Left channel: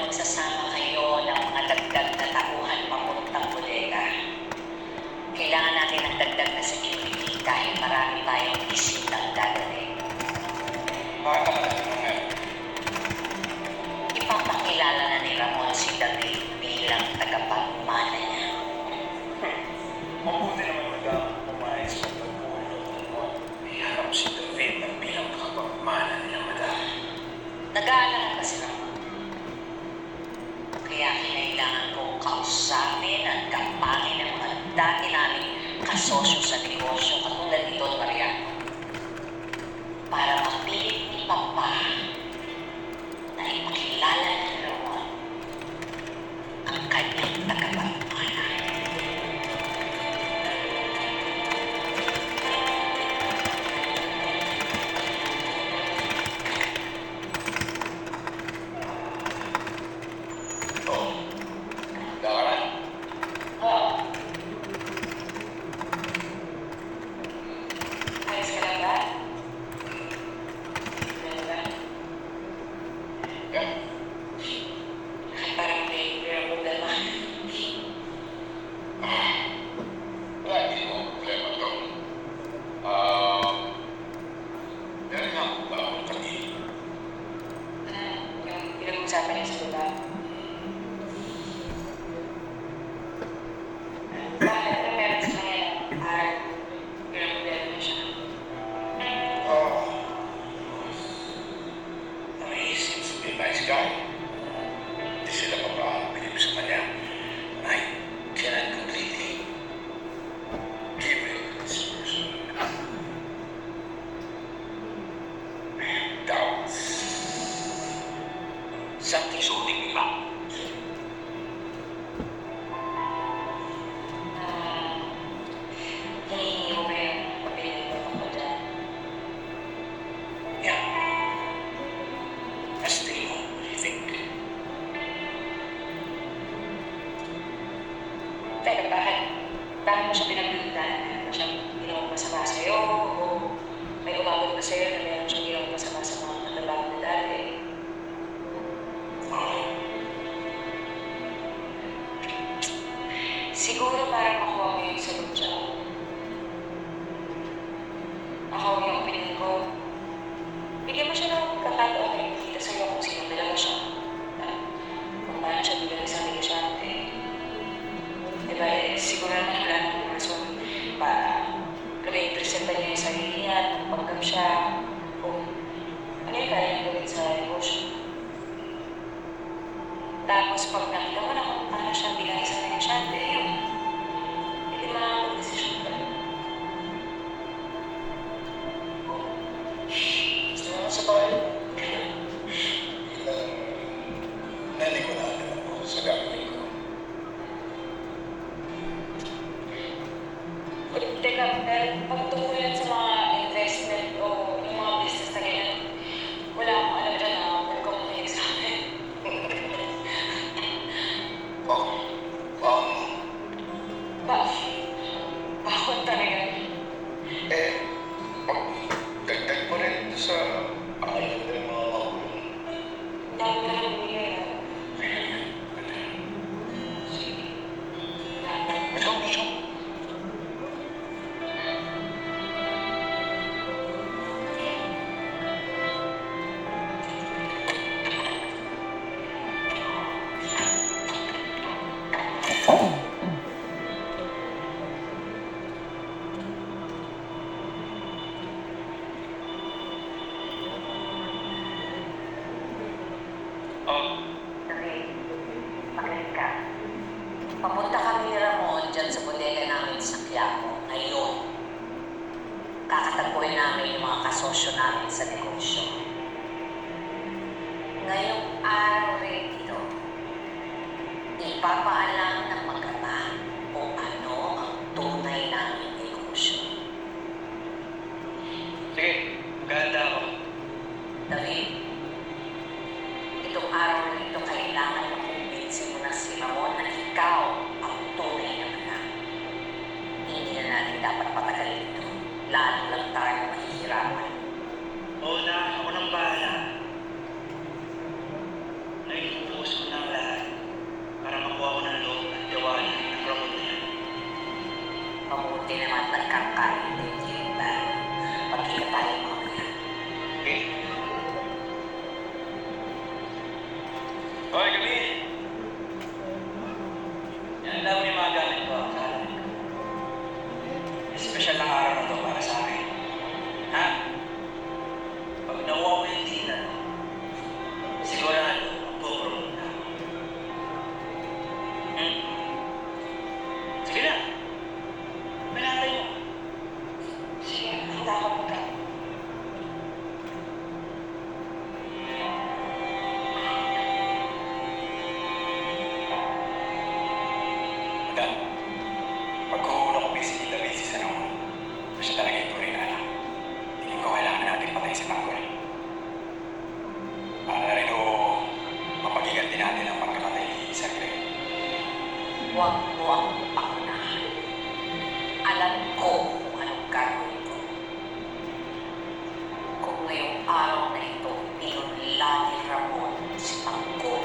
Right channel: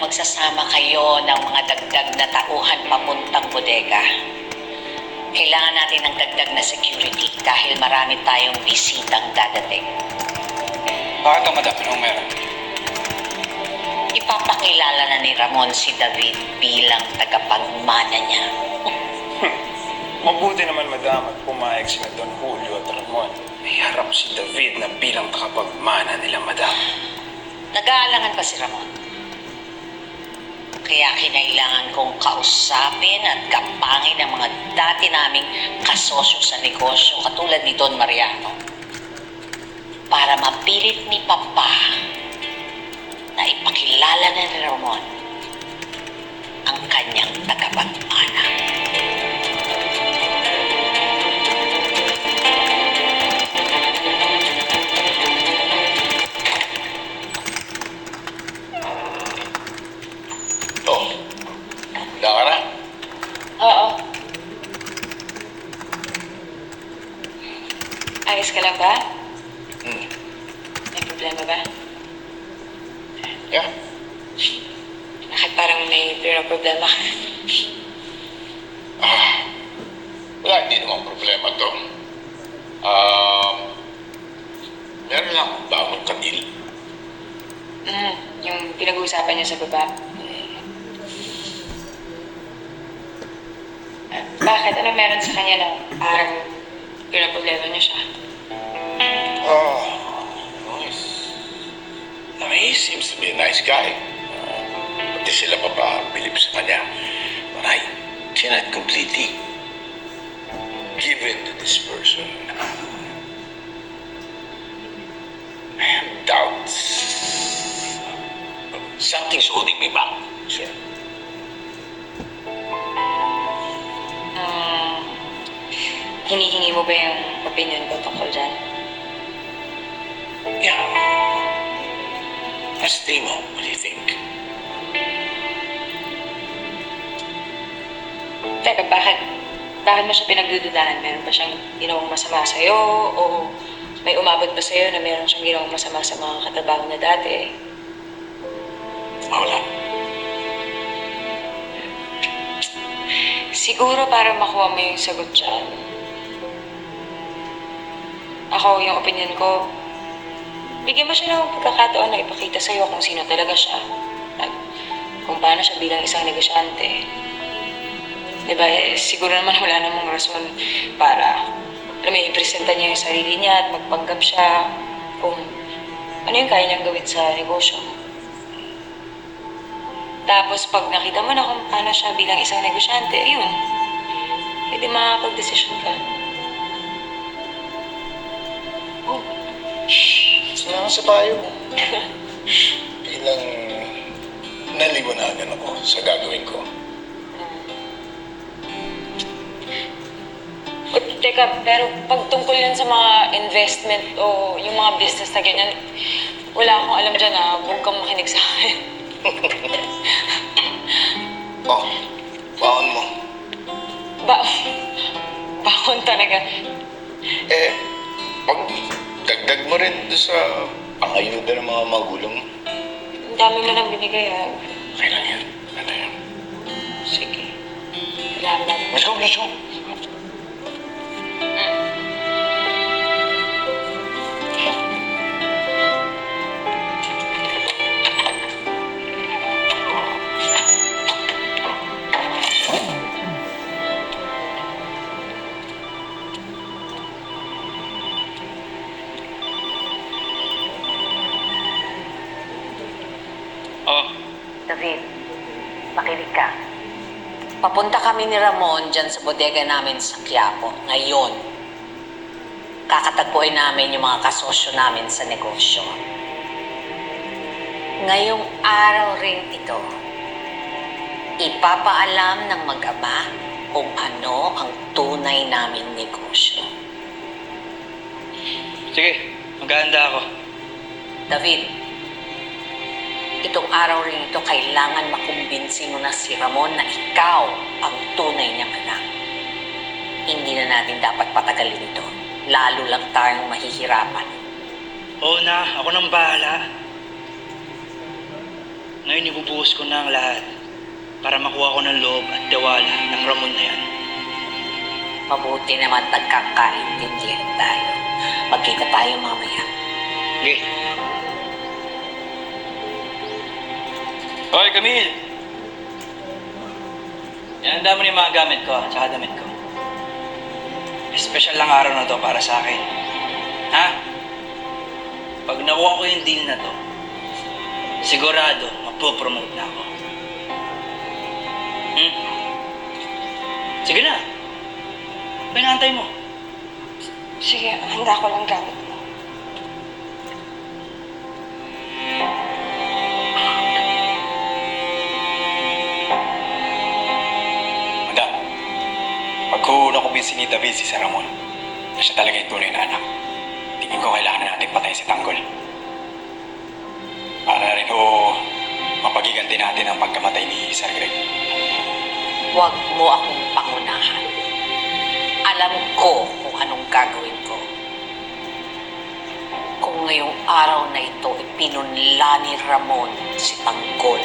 na magsasama kayo ng mga dagdag na tauhan papuntang bodega. Kailangan natin ng dagdag na security dahil marami tayong bisitang dadating. Bakit ang madami nung meron? Ipapakilala na ni Ramon si David bilang tagapagmana niya. Mabuti naman, madam, at pumayag sila Don Julio at Ramon. May harap si David na bilang kapagmana nila, madam. Nag-aalangan pa si Ramon. Kaya kinailangan kong kausapin at kapangin ang mga dati naming kasosyo sa negosyo katulad ni Don Mariano para mapilit ni Papa na ipakilala na ni Ramon ang kanyang tagapagmana. Dara? Oo. Ayos ka lang ba? May problema ba? Yeah. Bakit parang may problema ka? Wala, hindi naman problema to. Meron lang akong bagong katil. Yung pinag-uusapan niya sa baba. Bakit? Ano meron sa kanya na parang problema niya siya? He seems to be a nice guy. Pati sila papabilib sa kanya. But I cannot completely give in to this person. I have doubts. Something's holding me back, sir. Hinihingi mo ba yung opinion ko tungkol dyan? Yeah. Stay mo, what do you think? Teka, bakit mo siya pinagdududahan? Meron ba siyang ginawang masama sa'yo? O may umabot ba sa'yo na meron siyang ginawang masama sa mga katrabaho na dati? Wala. Siguro para makuha mo yung sagot dyan. Ako, yung opinion ko, bigyan mo siya ng pagkakataon na ipakita sa'yo kung sino talaga siya. At kung paano siya bilang isang negosyante. Diba, siguro naman wala namang rason para i-presenta niya yung sarili niya at magpanggap siya kung ano yung kaya niyang gawin sa negosyo. Tapos pag nakita mo na kung paano siya bilang isang negosyante, ayun, pwede makakapag-desisyon ka. Salamat sa payo mo. Bilang naliwanagan ako sa gagawin ko. Teka, pero pag tungkol yan sa mga investment o yung mga business na ganyan, wala akong alam dyan na huwag kang makinig sa akin. Oh, baon mo. Bakon talaga. Pag dagdag mo rin doon sa pangayuda ng mga magulang mo. Ang dami mo nang binigay, ha? Okay lang yan. Ano yan? Sige. Salamat. Let's go, let's go. David, makinig ka. Papunta kami ni Ramon dyan sa bodega namin sa Quiapo ngayon. Kakatagpuin namin yung mga kasosyo namin sa negosyo. Ngayong araw rin ito, ipapaalam ng mag-ama kung ano ang tunay naming negosyo. Sige, maghahanda ako. David, itong araw rin ito, kailangan makumbinsi mo na si Ramon na ikaw ang tunay niyang anak. Hindi na natin dapat patagalin ito. Lalo lang tayong mahihirapan. Oo na, ako nang bahala. Ngayon ibubuhos ko na ang lahat para makuha ko ng loob at tiwala ng Ramon na yan. Mabuti naman pagkakaintindihan tayo. Magkita tayo mamaya. Sige. Hoy, Camille! Yan ang dami ng mga gamit ko, tsaka damit ko. Espesyal lang araw na to para sa akin. Ha? Pag nakuha ko yung deal na to, sigurado mapopromote na ako. Hmm? Sige na. Pinantay mo. Sige, handa ko lang gamit. Madam, pagkuhula ko si ni David si Sir Ramon, na siya talaga yung tunay na anak. Tingin ko kailangan na natin patay si Tanggol. Para rin ho, mapagiganti natin ang pagkamatay ni Sir Greg. Huwag mo akong pangunahan. Alam ko kung anong gagawin ko. Kung ngayong araw na ito ipinunla ni Ramon si Tanggol,